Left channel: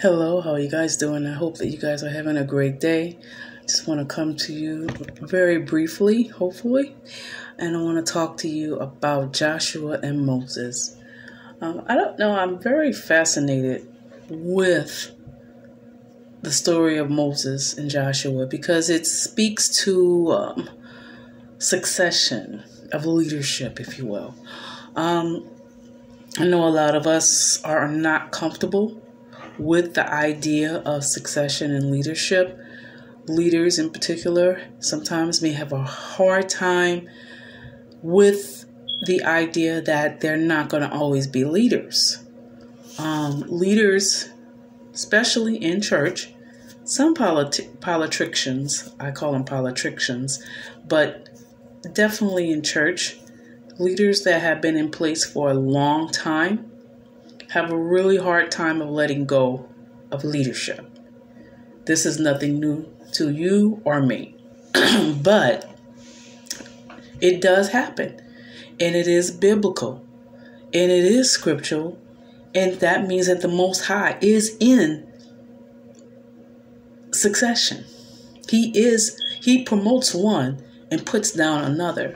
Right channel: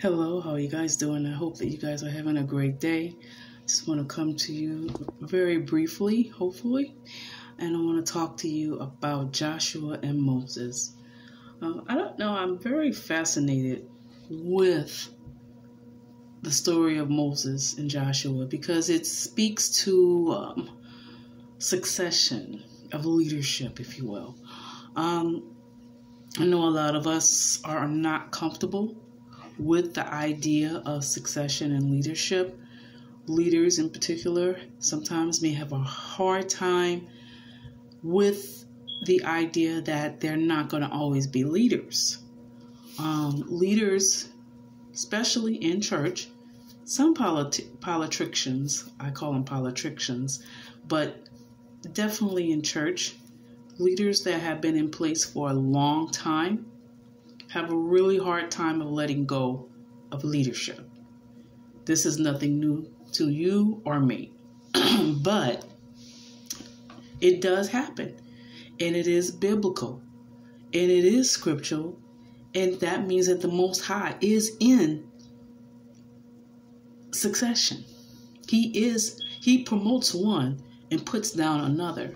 Hello, how are you guys doing? I hope that you guys are having a great day. Just want to come to you very briefly, hopefully, and I want to talk to you about Joshua and Moses. I don't know, I'm very fascinated with the story of Moses and Joshua because it speaks to succession of leadership, if you will. I know a lot of us are not comfortable with the idea of succession and leadership. Leaders in particular sometimes may have a hard time with the idea that they're not going to always be leaders. Leaders, especially in church, some politicians, I call them politicians, but definitely in church, leaders that have been in place for a long time have a really hard time of letting go of leadership. This is nothing new to you or me, but it does happen, and it is biblical, and it is scriptural, and that means that the Most High is in succession. He promotes one and puts down another,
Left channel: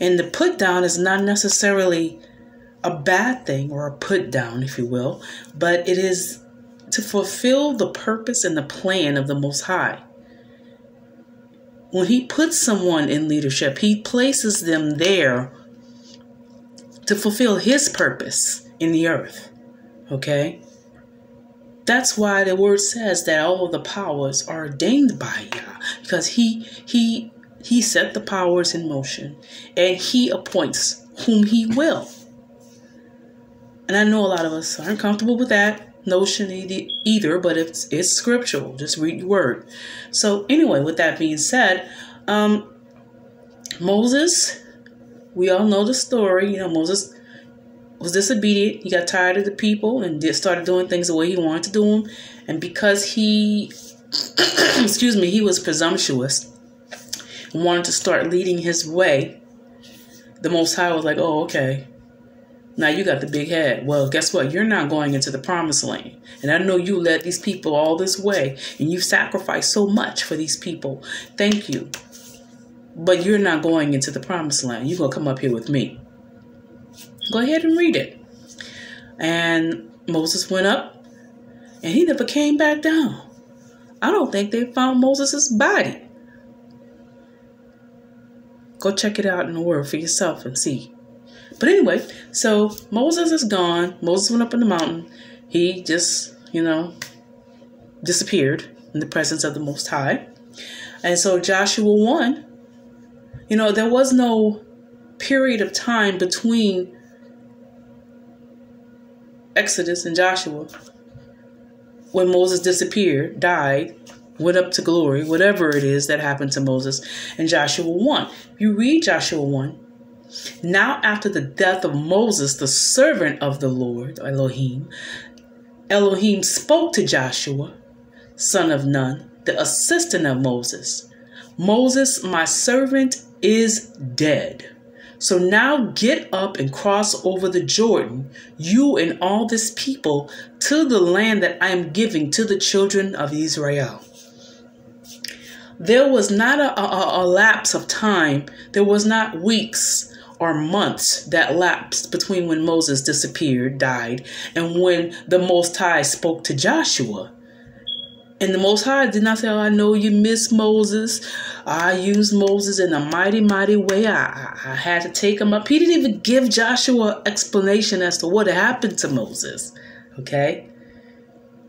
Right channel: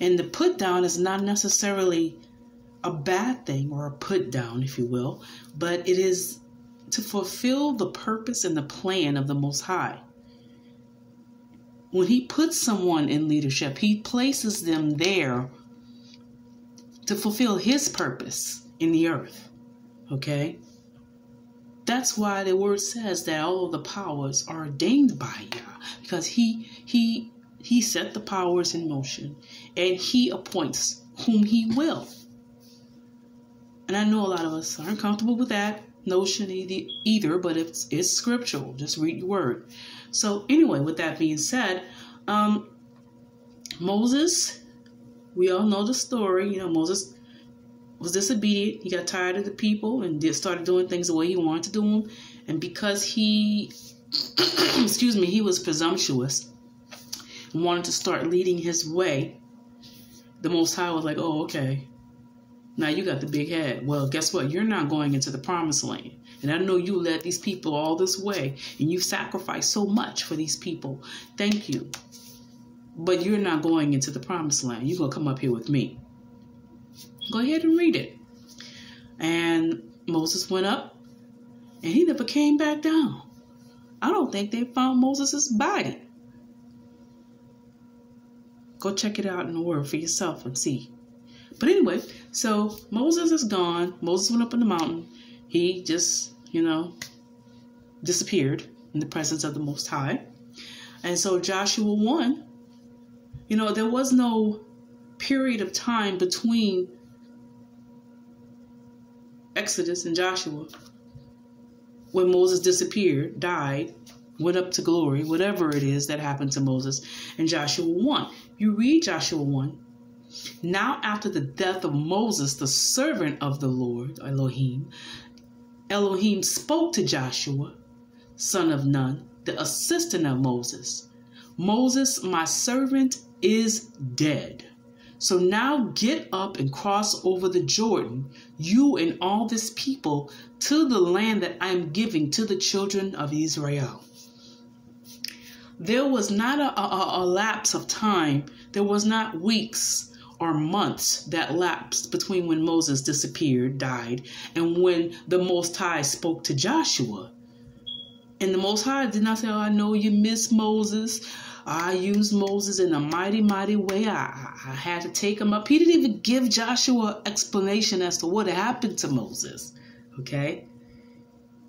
and the put down is not necessarily a bad thing or a put down, if you will, but it is to fulfill the purpose and the plan of the Most High. When he puts someone in leadership, he places them there to fulfill his purpose in the earth. Okay? That's why the word says that all of the powers are ordained by Yah, because he set the powers in motion and he appoints whom he will. And I know a lot of us aren't comfortable with that notion either, but it's scriptural. Just read your word. So anyway, with that being said, Moses, we all know the story. You know, Moses was disobedient. He got tired of the people and started doing things the way he wanted to do them. And because he, he was presumptuous and wanted to start leading his way, the Most High was like, oh, okay. Now you got the big head. Well, guess what? You're not going into the promised land. And I know you led these people all this way and you've sacrificed so much for these people. Thank you. But you're not going into the promised land. You're going to come up here with me. Go ahead and read it. And Moses went up and he never came back down. I don't think they found Moses' body. Go check it out in the word for yourself and see. But anyway, so Moses is gone. Moses went up in the mountain. He just, disappeared in the presence of the Most High. And so Joshua 1, there was no period of time between Exodus and Joshua when Moses disappeared, died, went up to glory, whatever it is that happened to Moses. And Joshua 1, you read Joshua 1. Now after the death of Moses, the servant of the Lord, Elohim spoke to Joshua, son of Nun, the assistant of Moses. Moses, my servant, is dead. So now get up and cross over the Jordan, you and all this people, to the land that I am giving to the children of Israel. There was not a lapse of time. There was not weeks or months that lapsed between when Moses disappeared, died, and when the Most High spoke to Joshua. And the Most High did not say, oh, I know you miss Moses. I used Moses in a mighty, mighty way. I had to take him up. He didn't even give Joshua explanation as to what happened to Moses. Okay?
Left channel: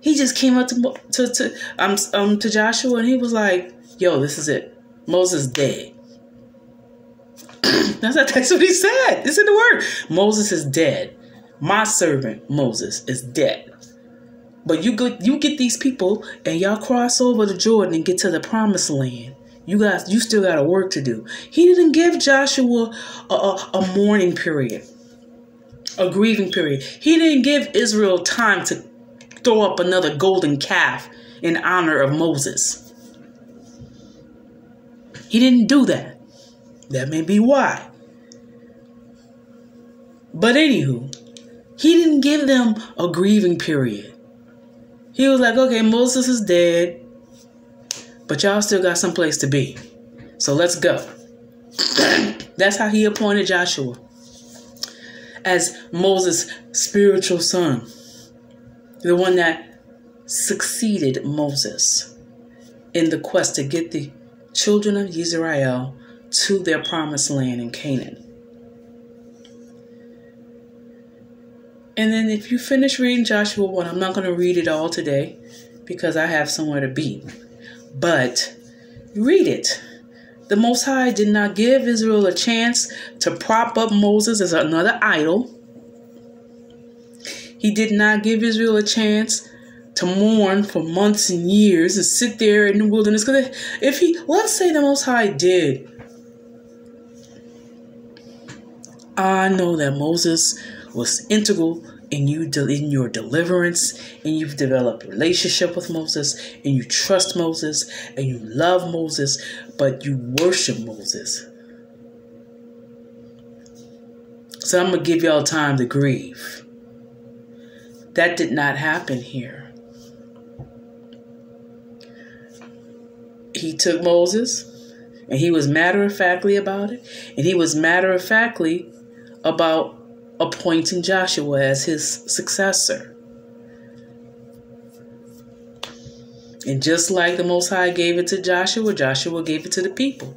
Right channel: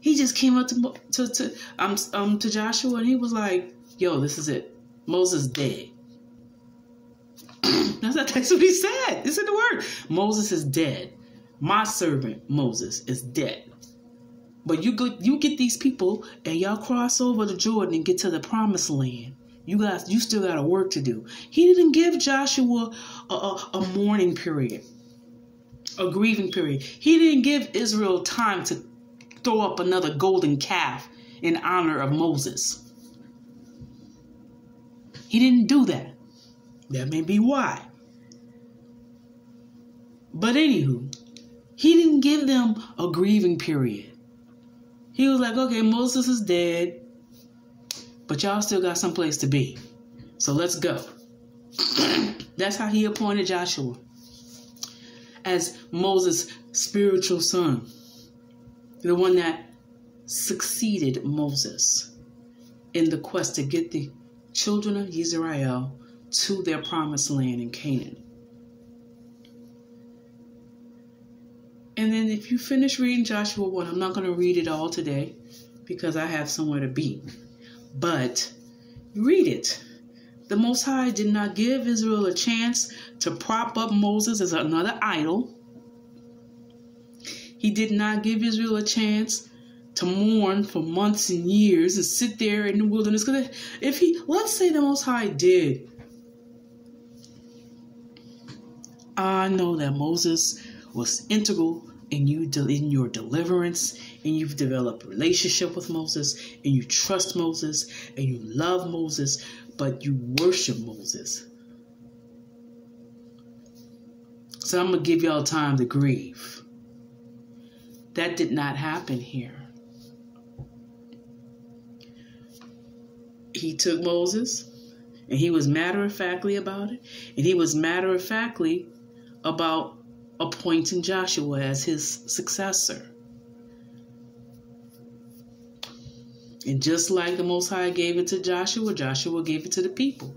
He just came up to Joshua and he was like, yo, this is it. Moses dead. That's what he said. It's in the word. Moses is dead. My servant Moses is dead. But you get these people and y'all cross over the Jordan and get to the promised land. You still got a work to do. He didn't give Joshua a mourning period, a grieving period. He didn't give Israel time to throw up another golden calf in honor of Moses. He didn't do that. That may be why. But anywho, he didn't give them a grieving period. He was like, okay, Moses is dead, but y'all still got someplace to be. So let's go. That's how he appointed Joshua as Moses' spiritual son. The one that succeeded Moses in the quest to get the children of Israel to their promised land in Canaan. And then if you finish reading Joshua 1, I'm not going to read it all today because I have somewhere to be. But read it. The Most High did not give Israel a chance to prop up Moses as another idol. He did not give Israel a chance to mourn for months and years and sit there in the wilderness. Because let's say the Most High did. I know that Moses was integral in your deliverance, and you've developed a relationship with Moses, and you trust Moses, and you love Moses, but you worship Moses. So I'm going to give y'all time to grieve. That did not happen here. He took Moses, and he was matter-of-factly about it, and he was matter-of-factly about appointing Joshua as his successor. And just like the Most High gave it to Joshua, Joshua gave it to the people.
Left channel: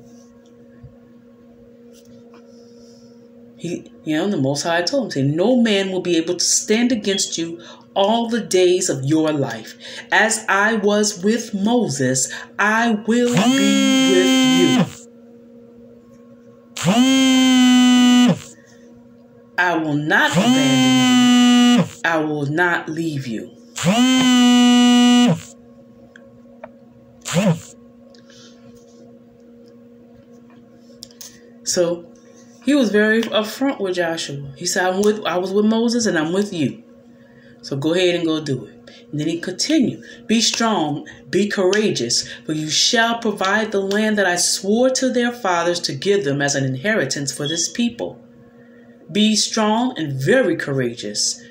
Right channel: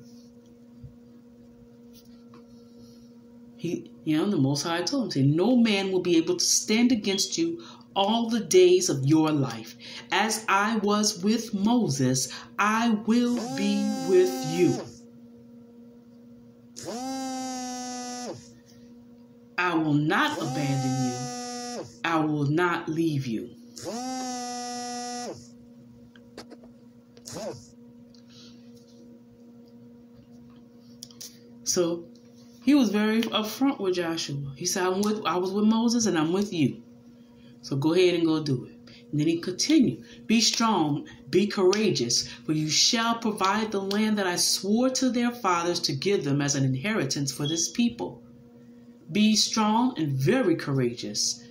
The Most High told him, say, no man will be able to stand against you all the days of your life. As I was with Moses, I will be with you. I will not abandon you. I will not leave you. So he was very upfront with Joshua. He said, I was with Moses and I'm with you. So go ahead and go do it. And then he continued, be strong, be courageous, for you shall provide the land that I swore to their fathers to give them as an inheritance for this people. Be strong and very courageous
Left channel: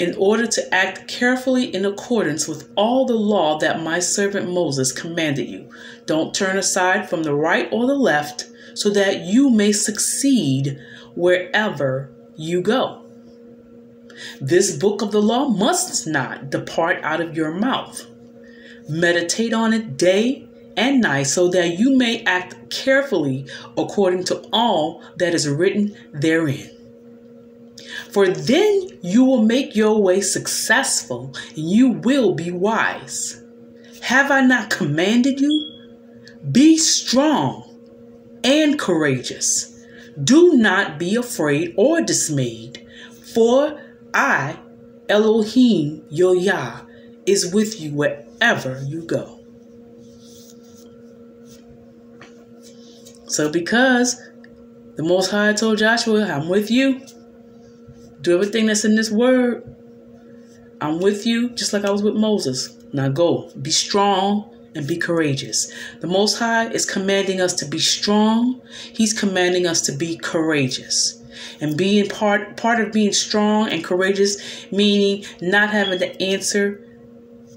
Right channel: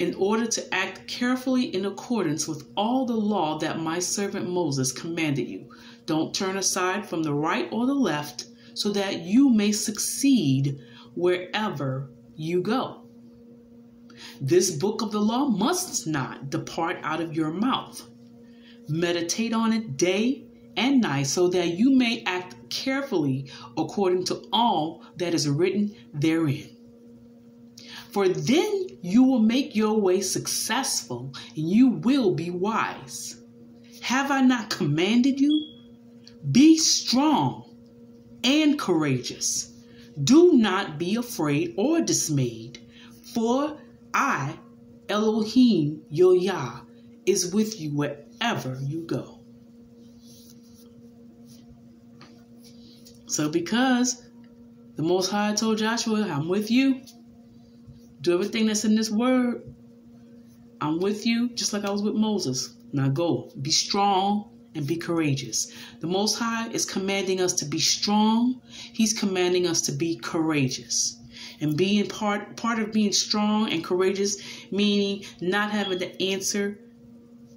in order to act carefully in accordance with all the law that my servant Moses commanded you. Don't turn aside from the right or the left so that you may succeed wherever you go. This book of the law must not depart out of your mouth. Meditate on it day and night so that you may act carefully according to all that is written therein. For then you will make your way successful and you will be wise. Have I not commanded you? Be strong and courageous. Do not be afraid or dismayed, for I, Elohim, your Yah, is with you wherever you go. So because the Most High told Joshua, I'm with you. Do everything that's in this word. I'm with you just like I was with Moses. Now go. Be strong and be courageous. The Most High is commanding us to be strong. He's commanding us to be courageous. And being part of being strong and courageous, meaning not having to answer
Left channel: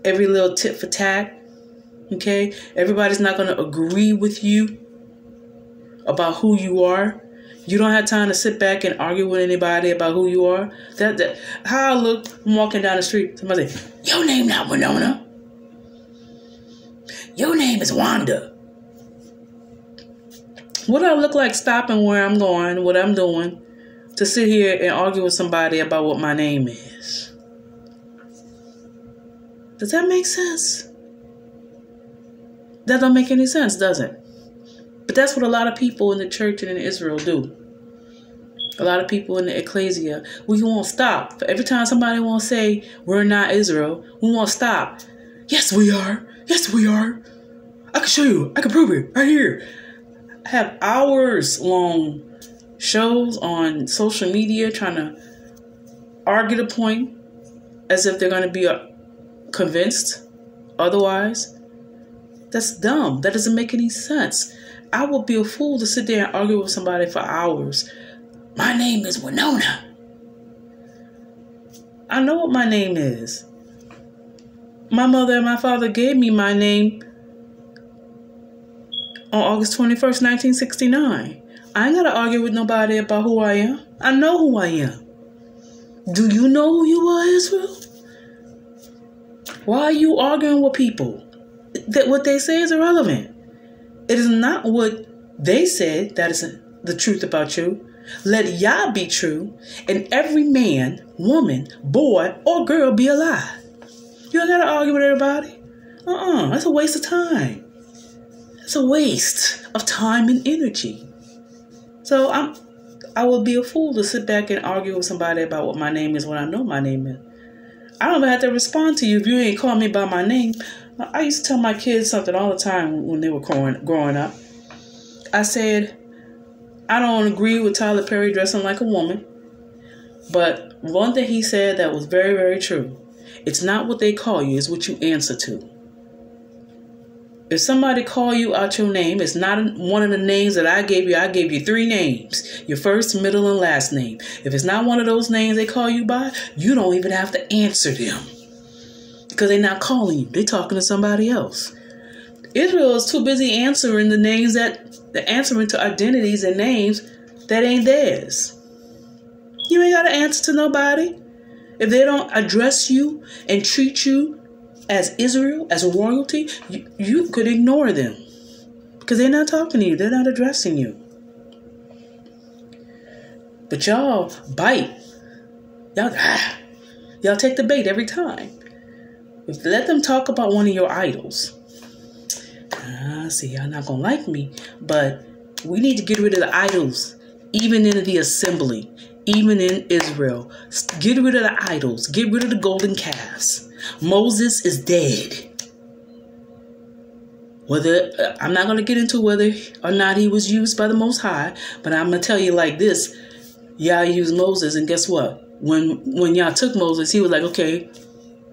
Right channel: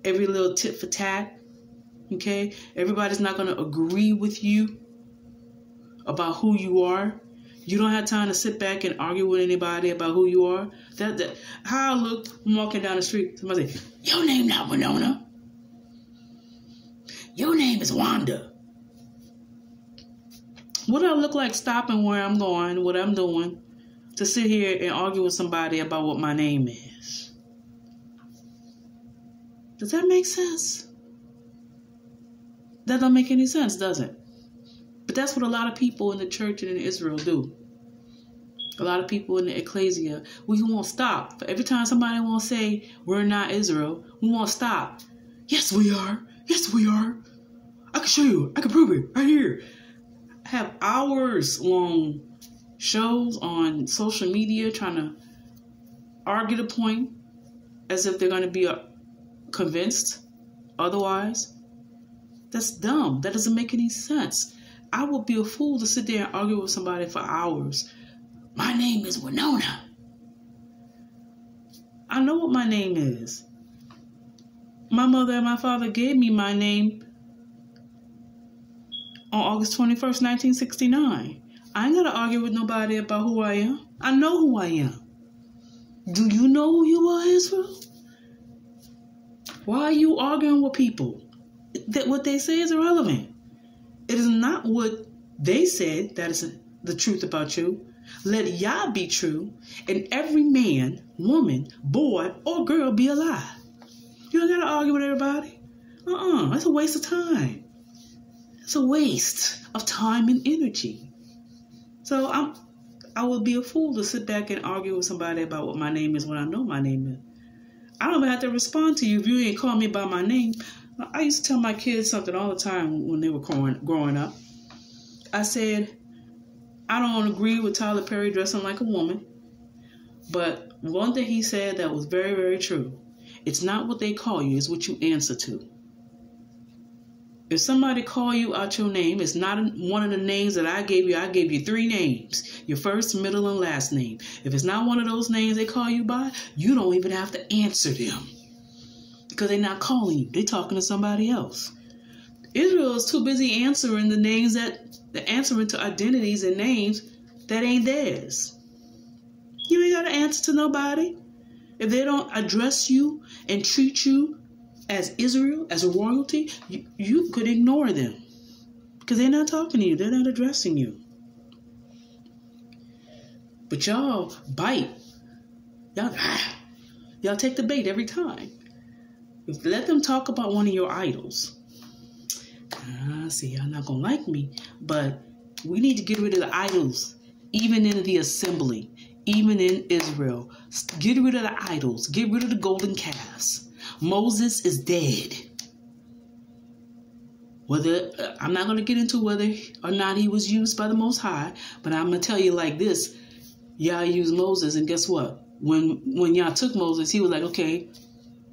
every little tit for tat. Okay? Everybody's not going to agree with you about who you are. You don't have time to sit back and argue with anybody about who you are. How I look, I'm walking down the street. Somebody say, your name not Winona. Your name is Wanda. What do I look like stopping where I'm going, what I'm doing, to sit here and argue with somebody about what my name is? Does that make sense? That don't make any sense, does it? But that's what a lot of people in the church and in Israel do. A lot of people in the ecclesia, we won't stop. Every time somebody won't say, we're not Israel, we won't stop. Yes, we are. Yes, we are. I can show you. I can prove it right here. I have hours-long shows on social media trying to argue the point as if they're going to be convinced otherwise. That's dumb. That doesn't make any sense. I would be a fool to sit there and argue with somebody for hours. My name is Winona. I know what my name is. My mother and my father gave me my name on August 21st, 1969. I ain't got to argue with nobody about who I am. I know who I am. Do you know who you are, Israel? Why are you arguing with people? That what they say is irrelevant. It is not what they said that is the truth about you. Let Yah be true, and every man, woman, boy, or girl be a lie. You don't gotta argue with everybody. That's a waste of time. It's a waste of time and energy. So I would be a fool to sit back and argue with somebody about what my name is when I know my name is. I don't even have to respond to you if you ain't call me by my name. I used to tell my kids something all the time when they were growing up. I said, I don't agree with Tyler Perry dressing like a woman, but one thing he said that was very, very true. It's not what they call you, it's what you answer to. If somebody call you out your name, it's not one of the names that I gave you. I gave you 3 names, your first, middle, and last name. If it's not one of those names they call you by, you don't even have to answer them because they're not calling you. They're talking to somebody else. Israel is too busy answering the names they're answering to identities and names that ain't theirs. You ain't got to answer to nobody. If they don't address you and treat you as Israel, as a royalty, you could ignore them because they're not talking to you. They're not addressing you. But y'all bite. Y'all take the bait every time. Let them talk about one of your idols. See, y'all not going to like me, but we need to get rid of the idols, even in the assembly, even in Israel. Get rid of the idols. Get rid of the golden calves. Moses is dead. I'm not going to get into whether or not he was used by the Most High, but I'm going to tell you like this. Y'all used Moses, and guess what? When y'all took Moses, he was like, okay,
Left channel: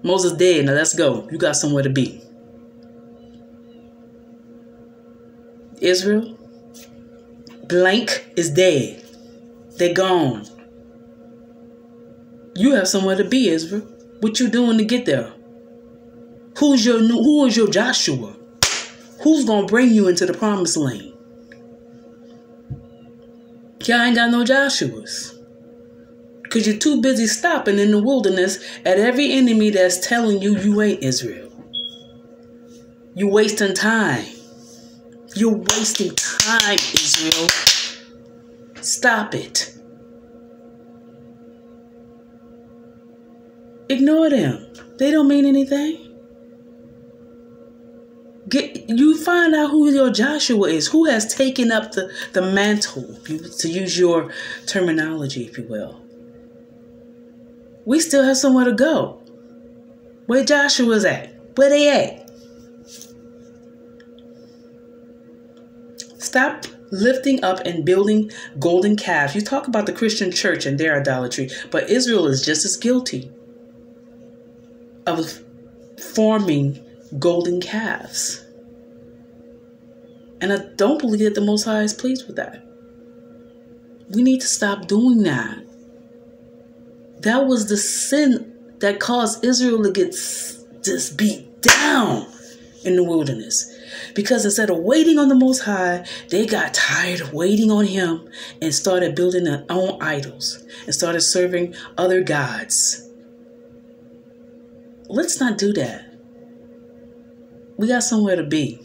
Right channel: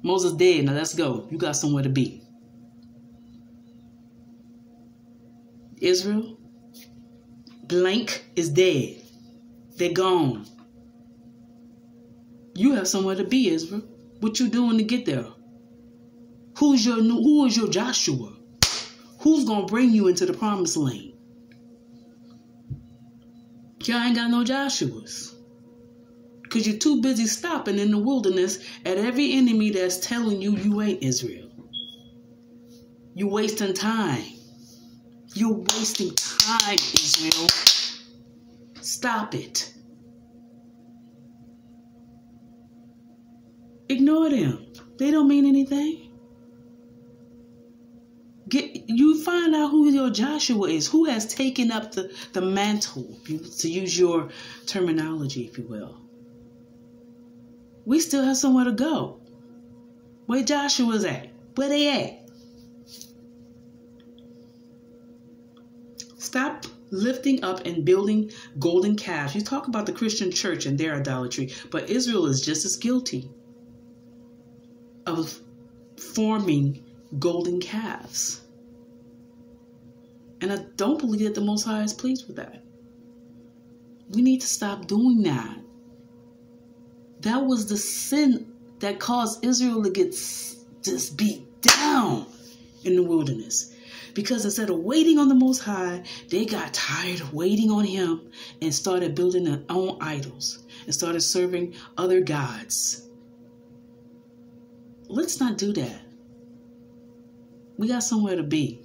Moses dead, now let's go. You got somewhere to be. Israel, blank is dead. They're gone. You have somewhere to be, Israel. What you doing to get there? Who is your Joshua? Who's gonna bring you into the promised land? Y'all ain't got no Joshuas. Because you're too busy stopping in the wilderness at every enemy that's telling you you ain't Israel. You're wasting time. You're wasting time, Israel. Stop it. Ignore them. They don't mean anything. You find out who your Joshua is. Who has taken up the mantle, to use your terminology, if you will. We still have somewhere to go. Where Joshua's at? Where they at? Stop lifting up and building golden calves. You talk about the Christian church and their idolatry, but Israel is just as guilty of forming golden calves. And I don't believe that the Most High is pleased with that. We need to stop doing that. That was the sin that caused Israel to get just beat down in the wilderness. Because instead of waiting on the Most High, they got tired of waiting on Him and started building their own idols and started serving other gods. Let's not do that. We got somewhere to be.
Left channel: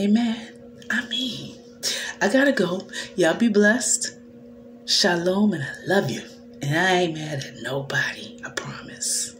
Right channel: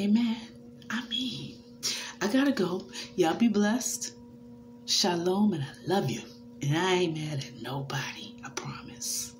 Amen. I gotta go. Y'all be blessed. Shalom, and I love you. And I ain't mad at nobody. I promise.